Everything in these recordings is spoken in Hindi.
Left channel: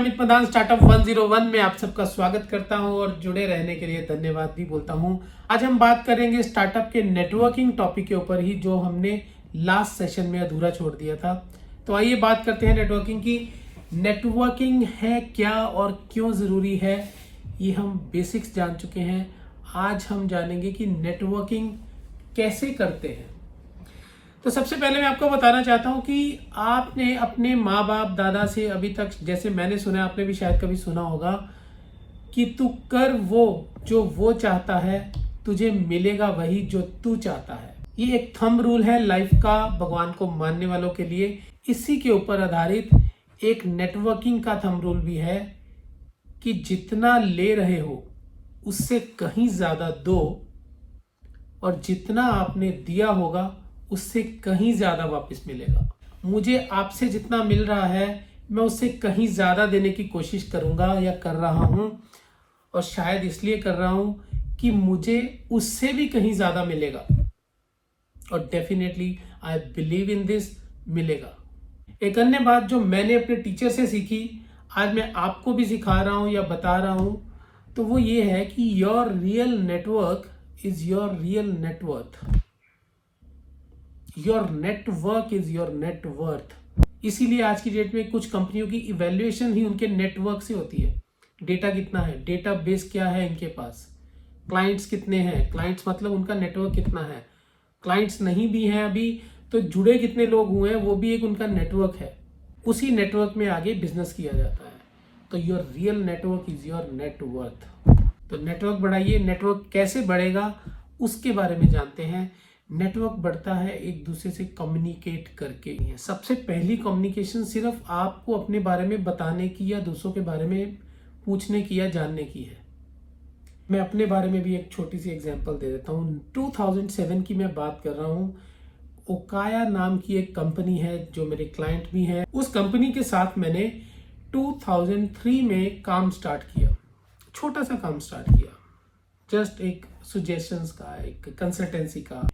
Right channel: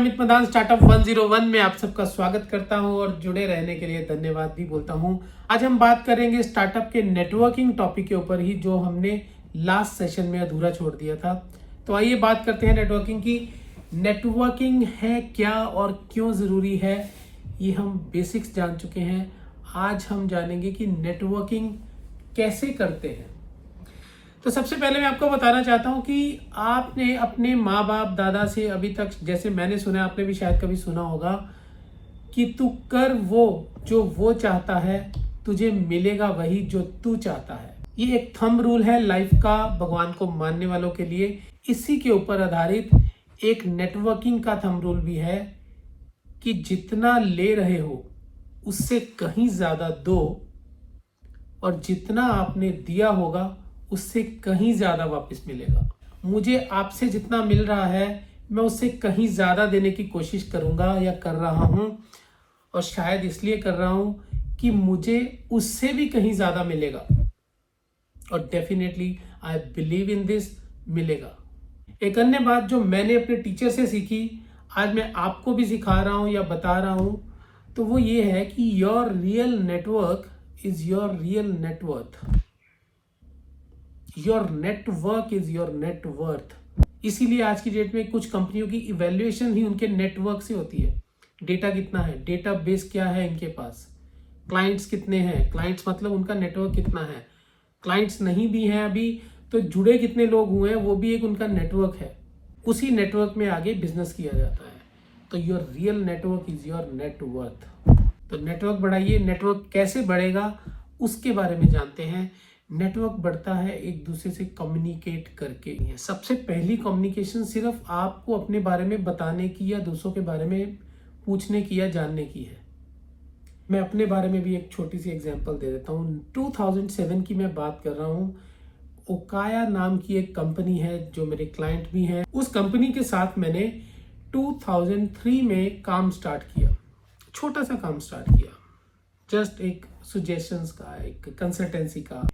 अमित मदान स्टार्टअप 101 में आप सबका स्वागत करता हूं और जुड़े रहने के लिए धन्यवाद भी बोलता हूं। आज हम बात करेंगे स्टार्टअप के नेटवर्किंग टॉपिक के ऊपर ही, जो हमने लास्ट सेशन में अधूरा छोड़ दिया था। तो आइए बात करते हैं नेटवर्किंग की। नेटवर्किंग है क्या और क्यों जरूरी है, ये हम बेसिक्स जान चुके हैं। आज हम जानेंगे कि नेटवर्किंग कैसे करते हैं। तो सबसे पहले मैं आपको बताना चाहता हूं कि आपने अपने माँ बाप दादा से अभी तक, जैसे मैंने सुना, आपने भी शायद कभी सुना होगा कि तू कर वो जो वो चाहता है, तुझे मिलेगा वही जो तू चाहता है। ये एक थंब रूल है लाइफ का, भगवान को मानने वालों के लिए। इसी के ऊपर आधारित एक नेटवर्किंग का थंब रूल भी है कि जितना ले रहे हो उससे कहीं ज्यादा दो, और जितना आपने दिया होगा उससे कहीं ज्यादा वापस मिलेगा। मुझे आपसे जितना मिल रहा है, मैं उससे कहीं ज्यादा देने की कोशिश करूंगा या कर रहा हूं, और शायद इसलिए कर रहा हूं कि मुझे उससे भी कहीं ज्यादा मिलेगा, और definitely I believe in this, मिलेगा। एक अन्य बात जो मैंने अपने टीचर से सीखी, आज मैं आपको भी सिखा रहा हूं या बता रहा हूं, तो वो ये है कि your real network is your real net worth. Your network is your net worth. इसीलिए आज की डेट में कुछ कंपनियों की इवैल्यूएशन ही उनके नेटवर्क से होती है। डेटा कितना है, डेटा बेस क्या है इनके पास, क्लाइंट्स कितने हैं, क्लाइंट्स मतलब उनका नेटवर्क कितना है, क्लाइंट्स नहीं भी हैं अभी तो जुड़े कितने लोग हुए हैं, वो भी एक उनका नेटवर्क है। उसी नेटवर्क में आगे बिजनेस किया जाता है। तो your real network is your net worth. तो नेटवर्क बढ़ाइए। नेटवर्क कैसे बढ़ेगा उसके बारे में जानते हैं। नेटवर्क बढ़ता है एक दूसरे से कम्युनिकेट करके। सबसे पहली कम्युनिकेशन सिर्फ आपको अपने बारे में बताने की या दूसरों के बारे में पूछने की या जानने की है। मैं अपने बारे में भी एक छोटी सी एग्जांपल दे देता हूँ। 2007 की मैं बात कर रहा हूँ। ओकाया नाम की एक कंपनी है जो मेरे क्लाइंट भी हैं। उस कंपनी के साथ मैंने 2003 में काम स्टार्ट किया। छोटा सा काम स्टार्ट किया, जस्ट एक सजेशंस का, एक कंसल्टेंसी का।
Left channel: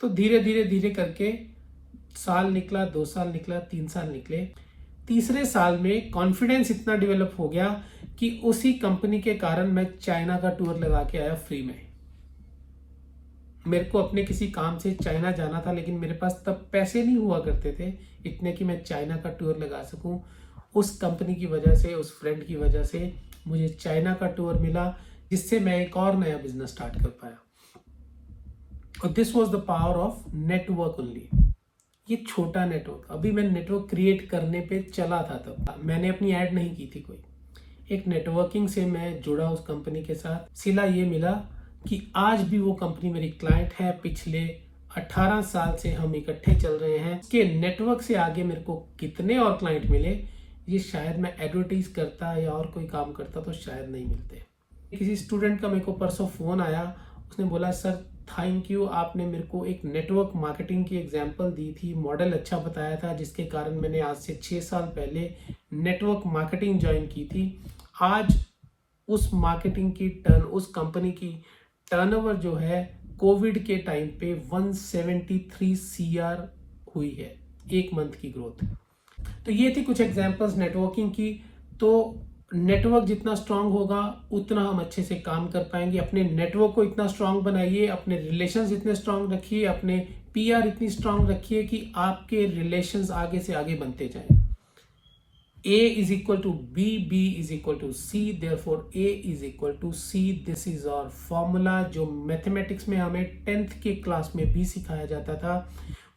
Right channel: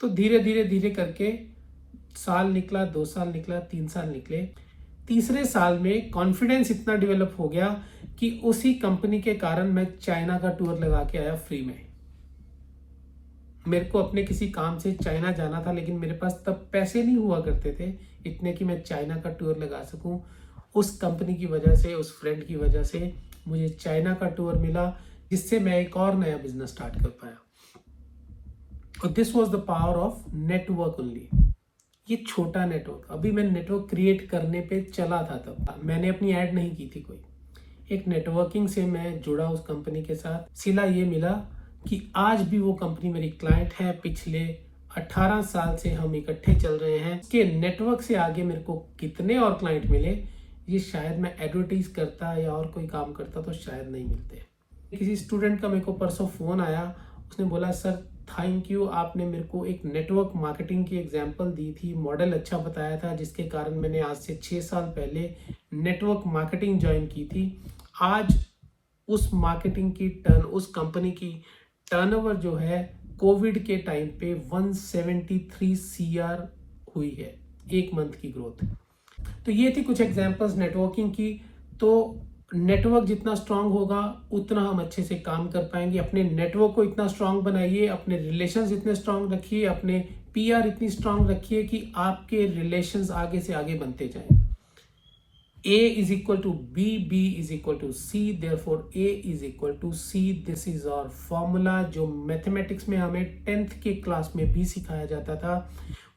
तो धीरे धीरे धीरे करके साल निकला, 2 साल निकला, 3 साल निकले। तीसरे साल में कॉन्फिडेंस इतना डेवलप हो गया कि उसी कंपनी के कारण मैं चाइना का टूर लगा के आया फ्री में। मेरे को अपने किसी काम से चाइना जाना था, लेकिन मेरे पास तब पैसे नहीं हुआ करते थे इतने कि मैं चाइना का टूर लगा सकूं। उस कंपनी की वजह से, उस फ्रेंड की वजह से मुझे चाइना का टूर मिला, जिससे मैं एक और नया बिजनेस स्टार्ट कर पाया। और this was the power of network only. ये छोटा नेटवर्क, अभी मैं नेटवर्क क्रिएट करने पे चला था, तब मैंने अपनी ऐड नहीं की थी कोई। एक नेटवर्किंग से मैं जुड़ा उस कंपनी के साथ। सिला ये मिला कि आज भी वो कंपनी मेरी क्लाइंट है। पिछले 18 साल से हम इकट्ठे चल रहे हैं। के नेटवर्क से आगे मेरे को कितने और क्लाइंट मिले, ये शायद मैं एडवर्टाइज करता या और कोई काम करता तो शायद नहीं मिलते। किसी स्टूडेंट का मेरे को परसों फोन आया, उसने बोला सर थैंक यू, आपने मेरे को एक नेटवर्क मार्केटिंग की एग्जांपल दी थी, मॉडल अच्छा बताया था, जिसके कारण मैंने आज से 6 साल पहले नेटवर्क मार्केटिंग ज्वाइन की थी। आज उस मार्केटिंग की उस कंपनी की टर्नओवर जो है कोविड के टाइम पे 173 CR हुई है, एक मंथ की ग्रोथ। तो ये थी कुछ एग्जांपल्स नेटवर्किंग की। तो नेटवर्क जितना स्ट्रांग होगा उतना हम अच्छे से काम कर पाएंगे। अपने नेटवर्क को इतना स्ट्रांग बनाइए, अपने रिलेशंस इतने स्ट्रांग रखिए, अपने PR इतनी स्ट्रांग रखिए कि आपके रिलेशंस आगे से आगे बनते जाएं। A is equal to B, B is equal to C, therefore A is equal to C. This is our formula जो मैथमेटिक्स में हमें 10th के क्लास में भी सिखाया जाता था,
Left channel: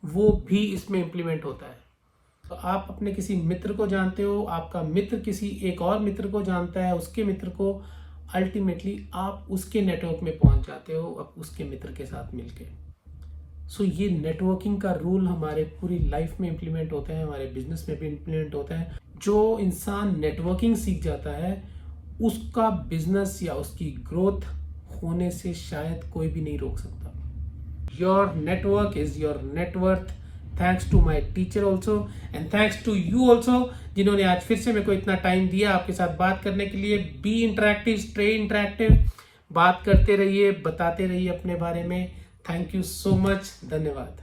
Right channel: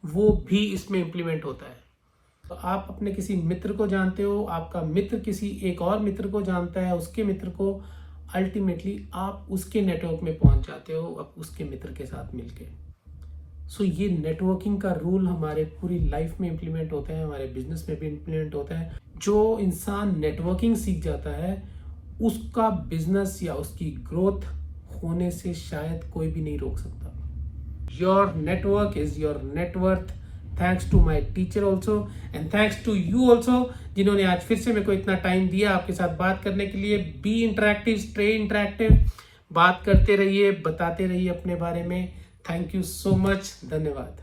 वो भी इसमें इम्प्लीमेंट होता है। तो आप अपने किसी मित्र को जानते हो, आपका मित्र किसी एक और मित्र को जानता है, उसके मित्र को, अल्टीमेटली आप उसके नेटवर्क में पहुंच जाते हो अब उसके मित्र के साथ मिलके। सो ये नेटवर्किंग का रूल हमारे पूरी लाइफ में इम्प्लीमेंट होता है, हमारे बिजनेस में भी इम्प्लीमेंट होता है। जो इंसान नेटवर्किंग सीख जाता है उसका बिजनेस या उसकी ग्रोथ होने से शायद कोई भी नहीं रोक सकता। Your network is your net worth. Thanks to my teacher also and thanks to you also, जिन्होंने आज फिर से मेरे को इतना टाइम दिया आपके साथ बात करने के लिए। बी इंटरैक्टिव, स्टे इंटरैक्टिव, बात करते रहिए, बताते रहिए अपने बारे में। थैंक यू सो मच, धन्यवाद।